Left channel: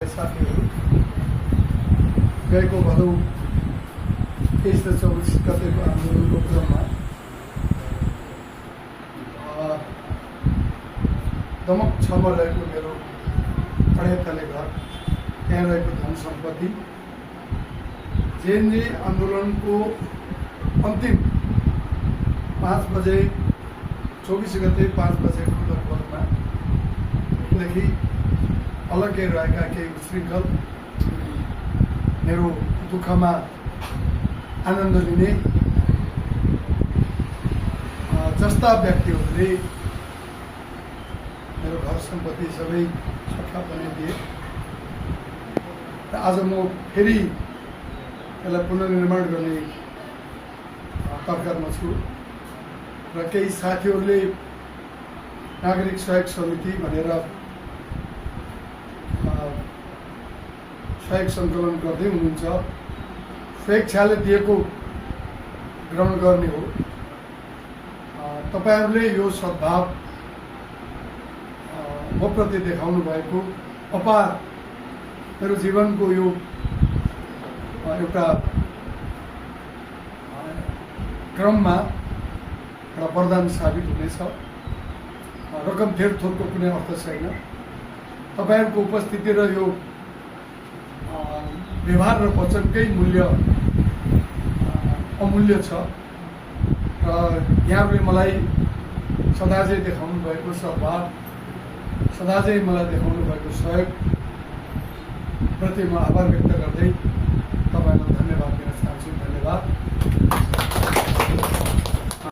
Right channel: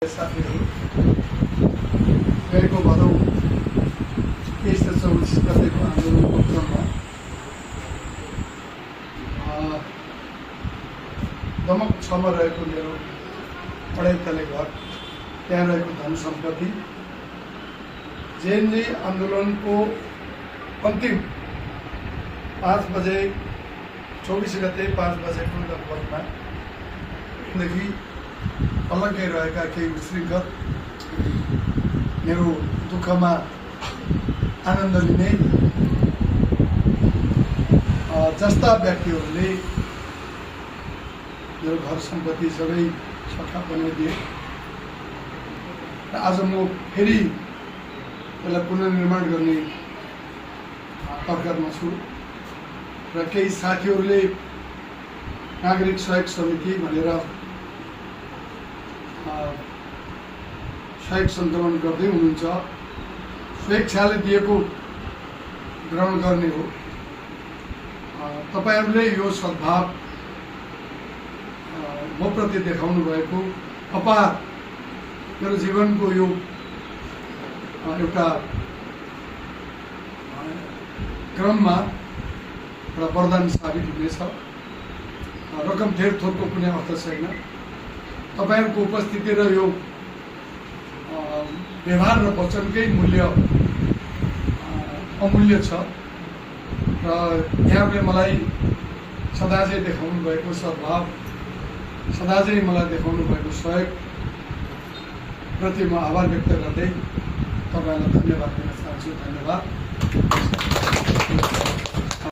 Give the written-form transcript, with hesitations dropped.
साथीहरू गएको भदौ 23 र 24 गतेको आन्दोलनको क्रममा दमक 6 मा रहेको मेरो पढाइतले घर त्यहाँ रहेको धन सम्पत्ति जेएनजी आन्दोलनको अन्तिम 5 बजे 24 गते 5 बजेको लगभगमा देखि अलग्गै रहेका केही उशृङ्खल मेरो दुःखमा आनन्द लिने जस्ता व्यक्तिहरूले मेरो घर सम्पत्ति सबै सट्टा बन्न दिए र आज म फेरि यसलाई पुनर्निर्माण गर्ने तर्कमा छु र केही साथीहरूले नागरिक सहयोग समिति भनेर सहयोग सङ्कलन गर्दै हुनुहुन्छ। स्वेच्छाले दिएको ग्रहण गर्ने हो। तपाईहरूले यो सद्भाव म प्रति देखाउनु भएको अपार मेरो जीवनको यो एउटा क्रममा एउटा वरदान साबित हुनेछ। रकम धेर थोरको कुनै अर्थ छैन। तपाईहरूको उपस्थिति र यो व्यवहार र वचनकै मूल्य अमूल्य छ र यहाँले मलाई सदा चाहिँ देखाउनु भएको सद्भाव, सदा चाहिँ मलाई देखाउनु भएको सहयोग प्रति म आभार व्यक्त गर्दै तपाईँहरूलाई धन्यवाद दिन चाहन्छु। धन्यवाद।